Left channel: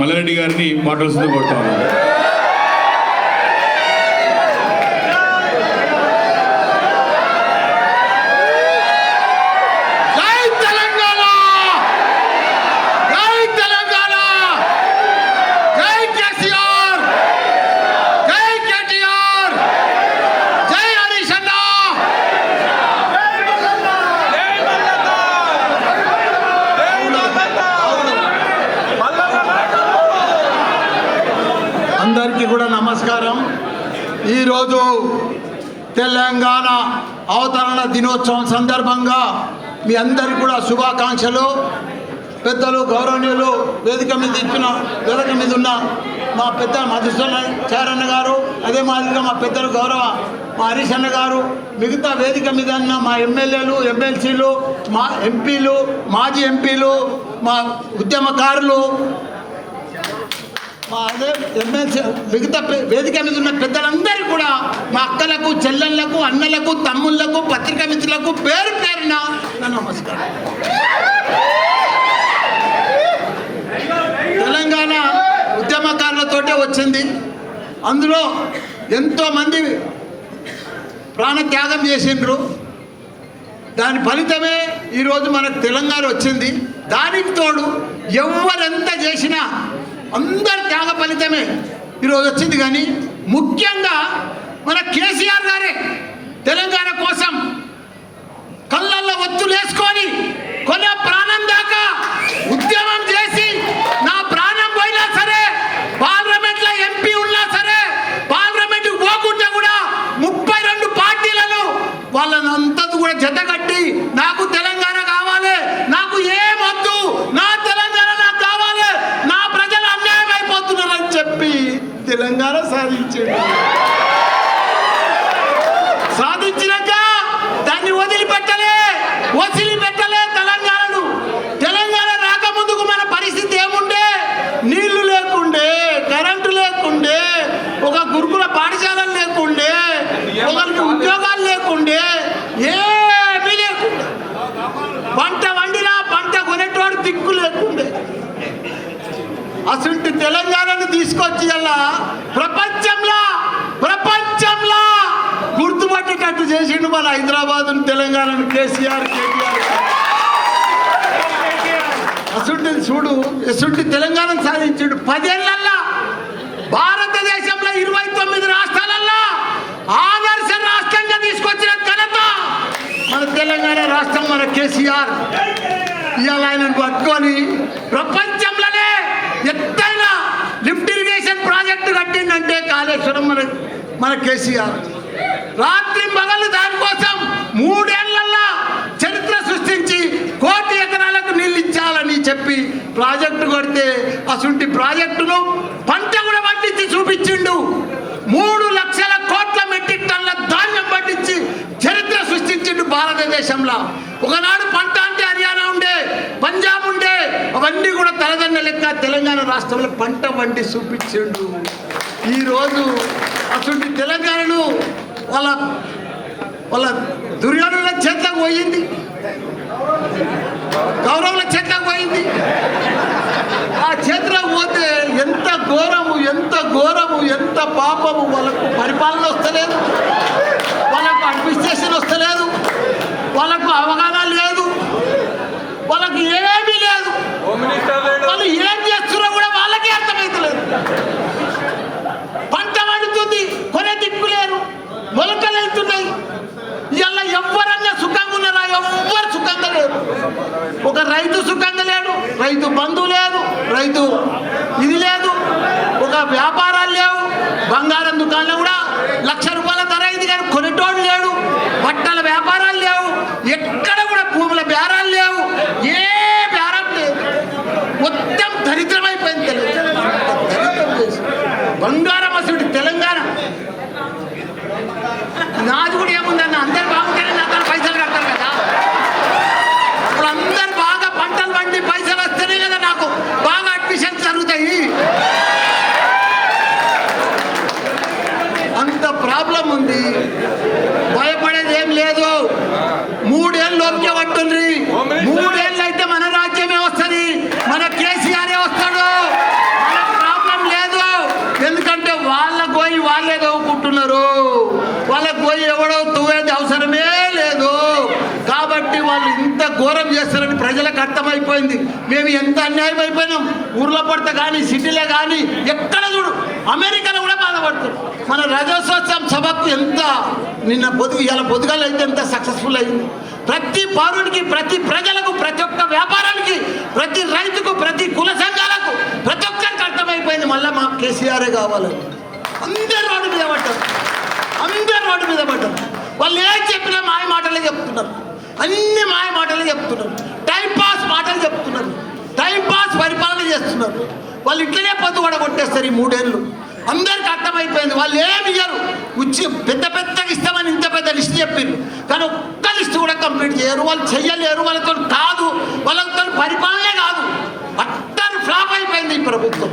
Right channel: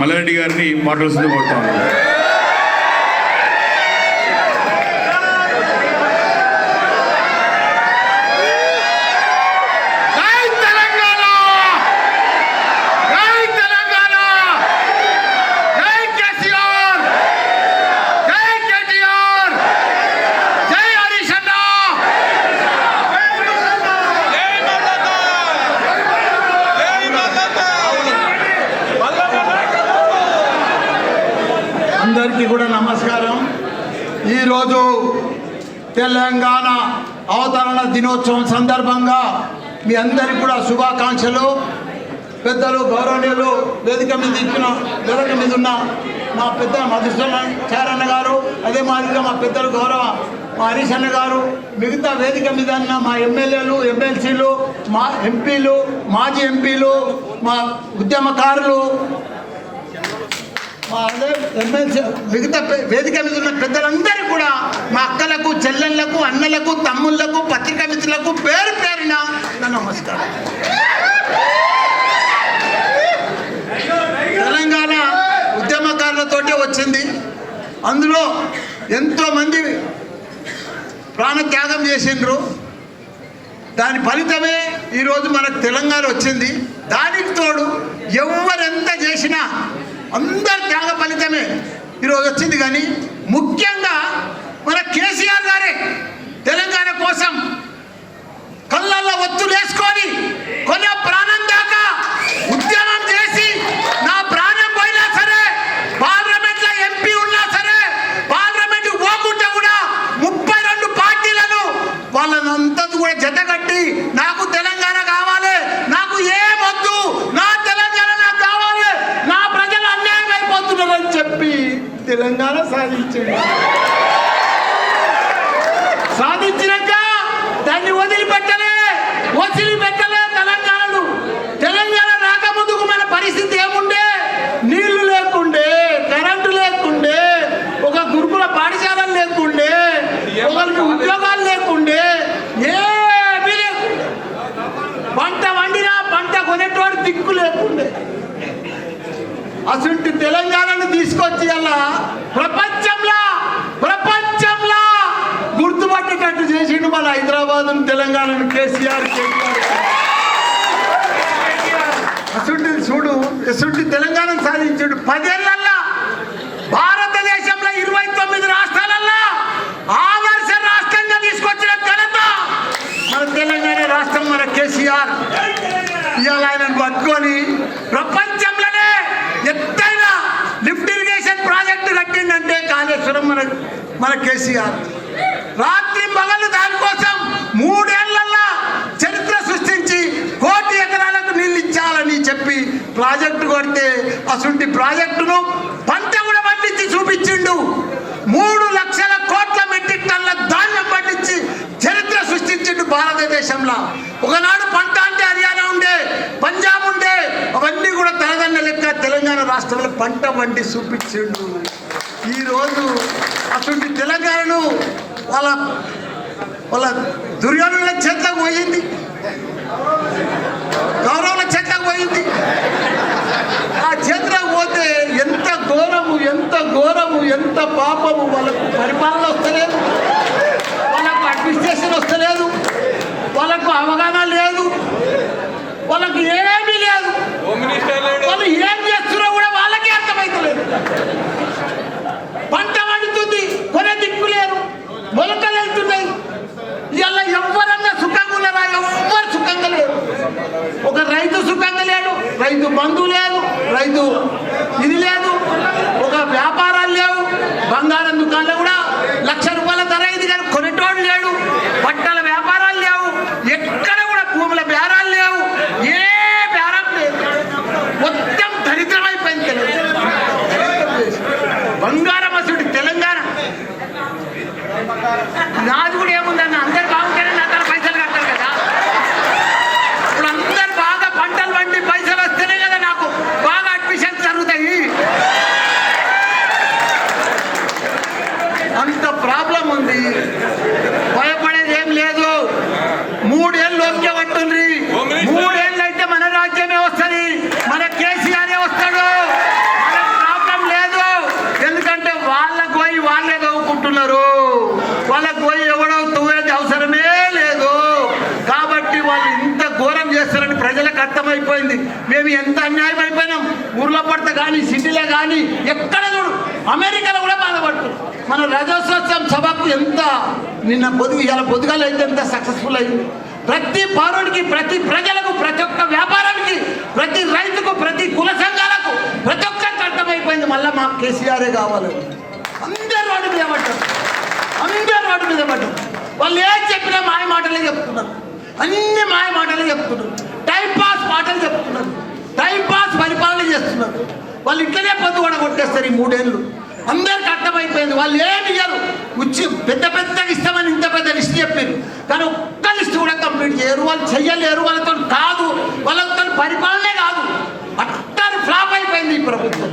మల్లారెడ్డి గారిని మాట్లాడుతూ కోరుతాను. అందరికీ కూడా నమస్కారం. ఈరోజు తెలంగాణ అవతరణ దినోత్సవం సందర్భంగా మీ అందరికీ కూడా శుభాకాంక్షలు. పెద్దలు గౌరవనీయులు వేదిక మీద ఉన్న మా పెద్ద మధుసూదనాచార్య గారు, అదే మాదిరిగా మా పెద్దలు గౌరవ మా హరీష్ అన్న గారు, మిగతా వేదిక మీద ఉన్న మా ఎమ్మెల్యేలు, ఎమ్మెల్సీలు, మా ఎంపీలు, మాజీ ఎంపీలు, మా ఉద్యమకారులు, మిగతా వేదిక మీద ఉన్న పెద్దలందరూ కూడా మా అక్కలకు, చెల్లెళ్లకు, అన్నలకు, తమ్ముళ్లకు, పత్రికా మిత్రులకు పేరు పేరున నమస్కారం. తెలంగాణ ఉద్యమకారులతోటే వచ్చింది. అందులో ఎంతోమంది ప్రాణత్యాగం చేసిండ్రు. దాని ఫలితమే ఈరోజు మనకు తెలంగాణ వచ్చింది. దానికి తోడు ఎవరెంత చేసినా అందరి త్యాగ ఫలితమే ఈరోజు వచ్చింది. కానీ ముఖ్యంగా మన కేసీఆర్ గారే తెలంగాణ కోసం కళ్ళల్లో ఒత్తులు వేసుకొని కొన్న ప్రాణం దాకా ఉద్యమం చేసి, నా ప్రాణం పోయినా సరే, పార్లమెంట్లో ఎంపీ ఉన్నా సరే, పార్లమెంట్ పోకుండా కూడా 32 పార్టీలను వాళ్ళనంతా కూడా జతగట్టి నాకు తెలంగాణ కావాలి, నాకు ఏమొద్దు, నా తెలంగాణ నాకు కావాలి, నా ప్రజలు అన్యాయం అయిపోతున్నారని చెప్పి తెలంగాణ సాధించినాక దాన్ని వదిలిపెట్టలే తెలంగాణ రాకముందుకు మన పరిస్థితి ఏముండే? నీళ్లు లేకుండే, కరెంటు లేకుండే, ఒక గురుకుల పాఠశాలలు లేకుండే, ఒకరికి ఉద్యోగాలు లేకుండే, ఏమీ లేకుండే. పంట వండినా పంట కొనేటోడు దిక్కు లేకుండే. అసలు తెలంగాణను తీసుకొచ్చి అలా ప్రపంచంలో గుర్తుపట్టేటట్టు చేసిండు మన హైదరాబాద్ తెలంగాణను కేసీఆర్. అసలు చూడు, ఎసుంటి తెలంగాణను సాధించాడు. 10 ఏళ్లలో భారతదేశంలో 29 రాష్ట్రాలలో ఆదర్శ రాష్ట్రంగా తీసుకొచ్చిన ఘనత మన తెలంగాణ రాష్ట్రం, మన కేసీఆర్. ఇవాళ ఆయనను పట్టుకొని ప్రపంచంలోనే ఎత్తైన లిఫ్ట్ ఇరిగేషన్ ప్రాజెక్టు కట్టిందంటే కాళేశ్వరం మన కేసీఆర్. రాత్రి పగలు దానికోసం 3 ఏళ్లలో చరిత్ర సృష్టించి 1 కోటి ఎకరాలకు నీళ్ళు ఇచ్చాలని చెప్పి ప్రాజెక్టు కొడితే అసలు ప్రాజెక్టును పంట కూడా పండించి చూపించిండు. 3 లక్షల కోట్ల మెట్రిక్ టన్నుల ధాన్యం పండించి చరిత్ర సృష్టించిండు భారతదేశంలో. ఒకనాడు పంట అంటే హర్యానా ఉండే, పంజాబ్ ఉండే, అవన్నీ కూడా తనదన్న లెక్క తెలంగాణ రాష్ట్రంలో పంట వండి చూపించిండు. ఈరోజు అసలు తెలంగాణను వాళ్ళ దుర్యోధనుల చేతకు పోయింది, కౌరవుల చేతకు పోయింది. ఆ చేతిలో పోతే ఎంత ఘోరము, ఎంత పాపము. వాళ్ళకు పరిపాలన వస్తలేదు, వాళ్ళకు అడ్మినిస్ట్రేషన్ వస్తలేదు, వాళ్ళకు అవగాహన లేదు, వాళ్ళకు ఏమీ లేదు. వాళ్ళు ఏం చేస్తున్నారో కూడా వాళ్ళకే అర్థమవుతలేదు. పంట పండుతుంది, కొనే దిక్కు లేదు, మొలకలు వెళ్తున్నాయి. ఇలా ఎవరన్నా సుఖంగా ఉన్నారా? ఎవ్వరు సుఖంగా లేరు. ఒక రైతు సుఖంగా లేడు, రైతు ఊర్లో పడితే కానీ సిటీలో కానీ ఎక్కడ చూడు, అమెరికాలో కూడా బాధపడుతుంది. మన రజోత్సవం సభకు ఎంత నిన్న ఇలా పొద్దుగాలు అయితే ఎంత సక్సెస్ఫుల్ అయింది. ప్రతి పౌరుడికి, ప్రతి ప్రజలకు, ప్రతి ఒక్క వ్యాపారానికి, ప్రతి రైతుకు, ప్రతి కుల సంఘాలకు, ప్రతి ఒక్కరికి అర్థమైపోయింది మళ్ళీ మాకు కేసీఆరే కావాలి. అందరూ రోడ్డు మీద పడ్డారు, అందరూ రోడ్డు మీద పడ్డారు. వాళ్ళు ఏం చెప్పినా మాయ మాటలే చెప్తున్నారు, అన్ని మాయ మాటలు చెప్తున్నారు, టైం పాస్ మాటలు చెప్తున్నారు, టైం పాస్ పరిపాలన చేస్తున్నారు. వాళ్ళు ఇట్లనే పొద్దు కూడా కొట్టేస్తారు ఈ 3 ఏళ్ళు. అందరికి అర్థమైపోయింది వాళ్ళు ఏమి ఇయ్యరు. పెద్ద పెద్దగా ఇస్తామని ఇంత పెద్ద లిస్ట్ చెప్పారు, కానీ ఒక్క లిస్ట్ కూడా కంప్లీట్ చేయరు. వాళ్ళు చెయ్యలేరు, వాళ్ళతో కాదు, వాళ్ళతో పరిపాలనే కాదు. అట్టారు ఫ్లాప్ అయిపోయింది ఈ ప్రభుత్వం.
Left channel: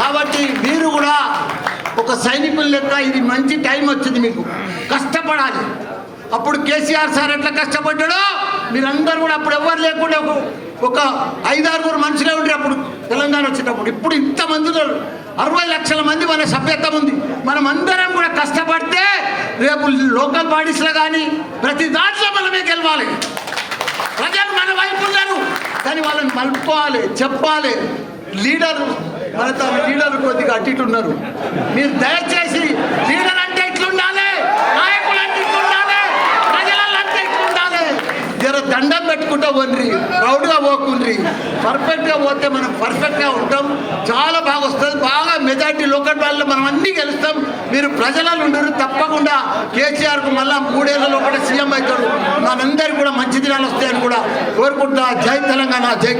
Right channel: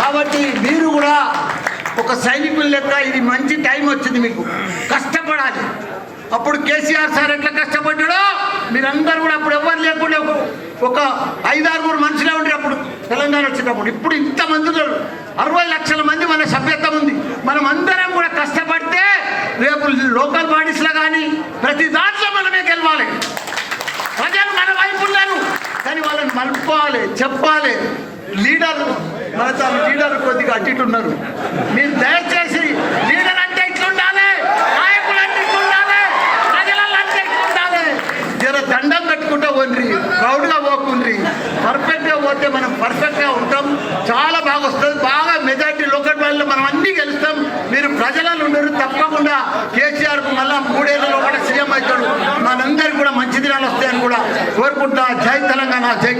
కాబట్టి మీరు కూడా ఒక సైనికులు లెక్క ఇది మంచి టైం వచ్చింది, మీకు కష్టపడాలి. అప్పుడు కేసీఆర్ సార్ ఎట్లా కష్టపడ్డాడో మీరందరూ కూడా అప్పుడు ఎవరు లేకుండా ఒక 5-6 మనుషులే ఉండే అప్పుడు తెలంగాణ వచ్చేటప్పుడు. ఇప్పుడు ఇంతమంది 60 లక్షల మంది మన సభ్యత్వం ఉంది. మనం అందరం కూడా కష్టపడితే రేపు లోకల్ బాడీస్లో కానీ ప్రతి దాంట్లో మనమే గెలవాలి. ప్రజలు మన వైపు ఉన్నారు, కానీ వాళ్ళని మలుపుకోవాలి, చెప్పాలి. లీడర్ కొద్దిగా అటు ఇటు ఉన్నారు. మీరు దయచేసి లీడర్ అంటే ఇట్లుండాలి, నాయకులు అంటే ఇట్లుండాలి, ప్రజలంటే ఇట్లుండాలి. జర దండం పెట్టుకుంటూ పోండి, ప్రౌడ్గా పోకుండ్రి. పర్ఫెక్ట్గా పోతే మనం పర్ఫెక్ట్గా ఉంటాం, చాలా బాగా వస్తుంది. బాగా మెజార్టీ లోకల్ వాళ్ళు మనం అన్నీ గెలుస్తాం. మీరు ప్రజలలో ఉండరు, తప్పకుండా కేసీఆర్కు మళ్ళీ 3 ఏళ్లలో కూడా సీఎం అవుతాడు. మనందరికీ కూడా మంచి దినాలు వస్తాయని కూడా కోరుకుంటా. జై తెలంగాణ, జై